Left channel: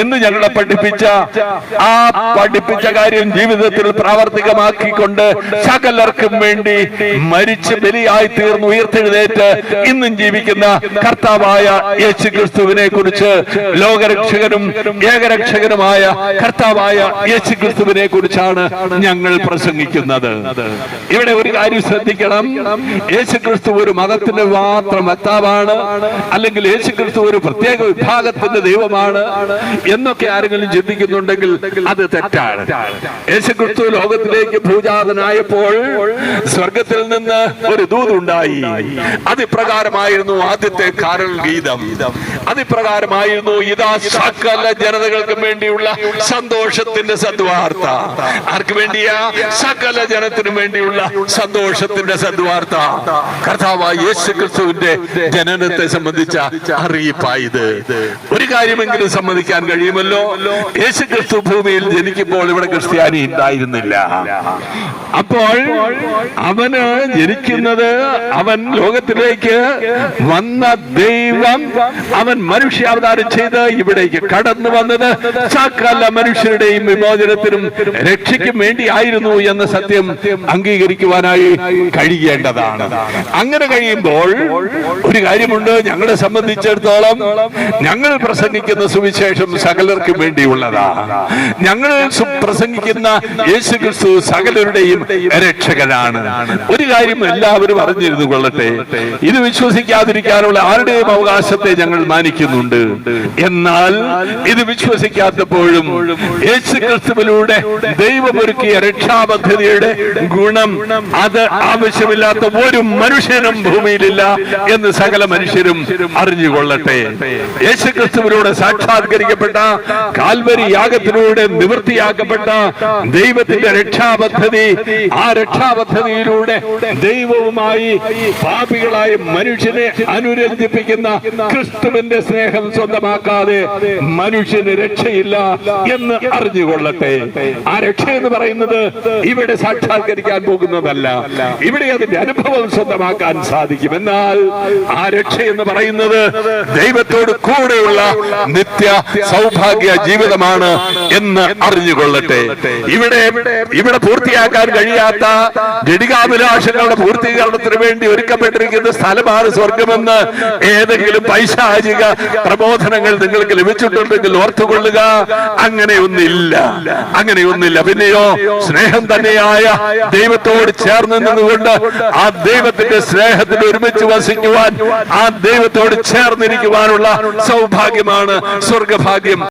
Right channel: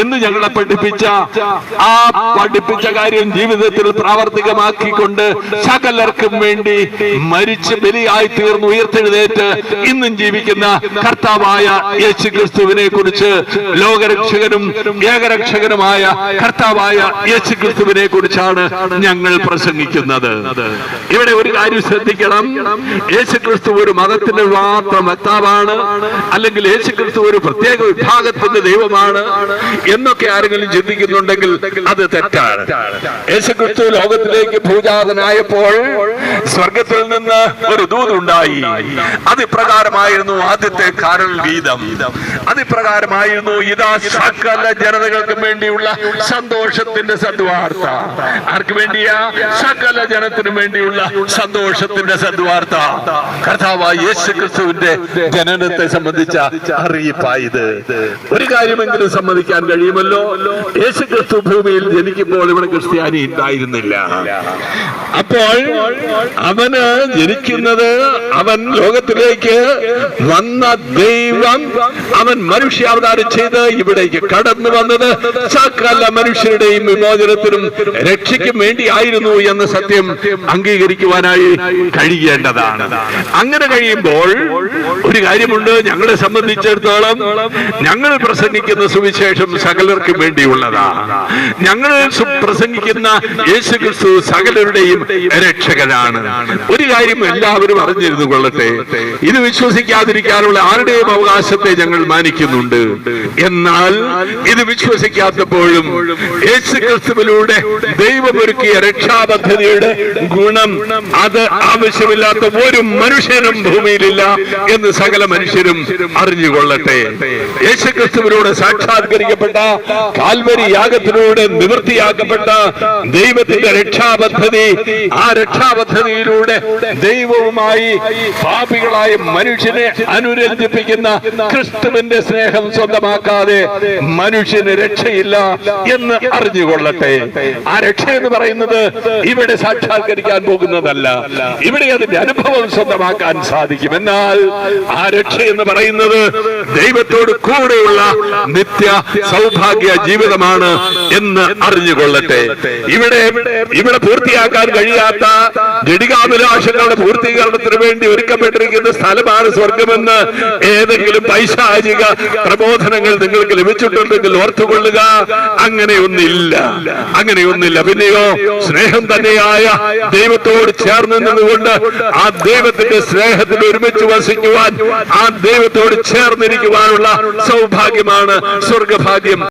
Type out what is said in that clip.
എന്ന് ഞങ്ങളെ പഠിപ്പിച്ച കാര്യം ജീവിതത്തിൽ പ്രാവർത്തികമാക്കിക്കൊണ്ട് സകലർക്കും വേണ്ടി മരിച്ച് ബലിയായി തീർന്ന് ഉയർത്തെഴുന്നേറ്റ് ഇന്നും ജീവിക്കുന്ന കർത്താവായ യേശു ക്രിസ്തുവിനെ കുറിച്ച്, ലോകരക്ഷകനും ഏകരക്ഷകനുമായ കർത്താവായ യേശു ക്രിസ്തുവിനെ കുറിച്ചാണ് ഞങ്ങൾ പ്രസംഗിക്കുന്നത്. ഇവിടെ ഒരു കാര്യം ശ്രദ്ധിക്കണം. യേശു ക്രിസ്തു ഒരു മതത്തിന്റെ മാത്രം വക്താവാണ്, അല്ലെങ്കിൽ യേശു ക്രിസ്തു ഒരു പ്രത്യേക വിഭാഗത്തിന്റെ ദൈവമാണ് എന്നൊക്കെ ആരെങ്കിലും ചിന്തിക്കുന്നുണ്ടെങ്കിൽ അത് തെറ്റാണ്. യേശു ക്രിസ്തു ലോകത്തിലേക്ക് ഭൂജാതനായപ്പോൾ സ്വർഗത്തിൽ നിന്ന് ഒരു ദൂതുണ്ടായി. അതിപ്രകാരമായിരുന്നു ആദ്യത്തെ കാരൽ ഗീതം. അതിപ്രകാരമായിരുന്നു, ഇതാ സകല ജനതകൾക്കും വേണ്ടിയുള്ള സന്തോഷത്തിന്റെ സദ്വാർത്ത. ആർക്ക് വേണ്ടിയാ? സകല ജനത്തിനും വേണ്ടിയുള്ള സന്തോഷത്തിന്റെ സദ്വാർത്ത. കർത്താവായ യേശു ക്രിസ്തുവിന്റെ ജനനത്തെ സംബന്ധിച്ച അറിയിപ്പായത്. ഒരു കാര്യമെങ്കിലും സമ്മതിക്കാൻ കഴിയുമല്ലോ, യേശു ക്രിസ്തു ഭൂമിയിൽ ജനിക്കുമ്പോൾ ഇവിടെ ക്രിസ്ത്യാനി ഉണ്ടായിരുന്നില്ല. അപ്പോൾ അവന് ജനിക്കുന്നത്, അവൻ ലോകത്തിലേക്ക് വന്ന ദൈവം, അവൻ മനുഷ്യാവതാരം ചെയ്ത് ഇവിടേക്ക് കടന്നു വന്നത് സകല മനുഷ്യരുടെയും വിമോചനത്തിനും രക്ഷയ്ക്കും വേണ്ടി ആയിരുന്നു എന്ന സത്യം അംഗീകരിക്കുവാനായി കഴിയേണ്ടതാണ്. അങ്ങനെ കഴിയുമ്പോൾ ഒരു കാര്യമുണ്ട്, ഞങ്ങളെ സംബന്ധിച്ചിടത്തോളം ഞങ്ങൾ പ്രസംഗിക്കുന്ന സുവിശേഷം സകലർക്കും വേണ്ടിയുള്ളതാണ്. ഞങ്ങൾ പ്രസംഗിക്കുന്ന യേശു ക്രിസ്തു സകലരുടെയും രക്ഷകനാണ്. ഒരു കാര്യം എല്ലാവരും അറിഞ്ഞിരുന്നു കൊള്ളട്ടെ, ഇത് വിശ്വസിക്കാതിരിക്കാനുള്ള ആരുടെയും അവകാശത്തെ ഞങ്ങൾ മാനിക്കുന്നുണ്ട്. എന്നാൽ ഇത് വിശ്വസിക്കാത്തപ്പോഴും യേശു ക്രിസ്തുവിലൂടെ ദൈവമൊരുക്കിയ രക്ഷാപദ്ധതിയുടെ ഗുണം അത് ആവശ്യമില്ലാത്ത ഒരു മനുഷ്യനും ഭൂമിയിലില്ല എന്ന് സകല മനുഷ്യരും അറിഞ്ഞുകൊള്ളട്ടെ. യേശു ക്രിസ്തുവിലൂടെ സാക്ഷാത്കരിക്കപ്പെട്ട കാൽവരി യാഗത്തിലൂടെ നിവൃത്തിയാക്കപ്പെട്ട ദൈവത്തിന്റെ രക്ഷാപദ്ധതി, ആ രക്ഷാപദ്ധതിയിലൂടെ ദൈവവുമായി പാപികളായ മനുഷ്യനെ അനുരഞ്ജിപ്പിക്കുന്ന ക്രിസ്തുവിന്റെ സ്നേഹം സ്വന്തമാക്കാതെ മനുഷ്യന് രക്ഷയില്ല എന്ന് അറിഞ്ഞുകൊള്ളട്ടെ. ആ രക്ഷ എന്ന് പറയുന്നത് ഇവിടെ സാക്ഷാത്കരിക്കാൻ പോകുന്നതല്ല, ഇവിടെ അതിന്റെ അനുഭവം സ്വന്തമാക്കാൻ സാധിക്കും. എന്നാൽ ആ രക്ഷ എന്ന് പറയുന്നത് ദൈവത്തോട് കൂടെയുള്ള നിത്യ സൗഭാഗ്യ ജീവിതമാണ് എന്ന് അറിഞ്ഞുകൊള്ളട്ടെ. ഇവിടെ പൂർത്തിയാക്കാൻ കഴിയാത്ത ജഡികാഭിലാഷങ്ങളുടെ പൂർത്തീകരണത്തിന് വേണ്ടി ഒരുക്കപ്പെട്ടിരിക്കുന്ന സ്ഥലമാണ് സ്വർഗമെന്ന് ഏതെങ്കിലും പൈശാചിക പ്രബോധനങ്ങൾ നിങ്ങൾക്ക് ലഭിച്ചിട്ടുണ്ടെങ്കിൽ ഓർത്തുകൊള്ളുക. അങ്ങനെയൊന്നില്ല. പിന്നെയോ സ്നേഹം തന്നെയായ ദൈവത്തോട് ചേർന്ന് നിന്നുകൊണ്ട് ആ ദൈവത്തിന്റെ സ്നേഹത്തിൽ ഒരുമിച്ച് വസിക്കുവാൻ, ആ ദൈവത്തോട് ചേർന്നിരിക്കുവാനുള്ള സൗഭാഗ്യമാണ് സ്വർഗഭാഗ്യം.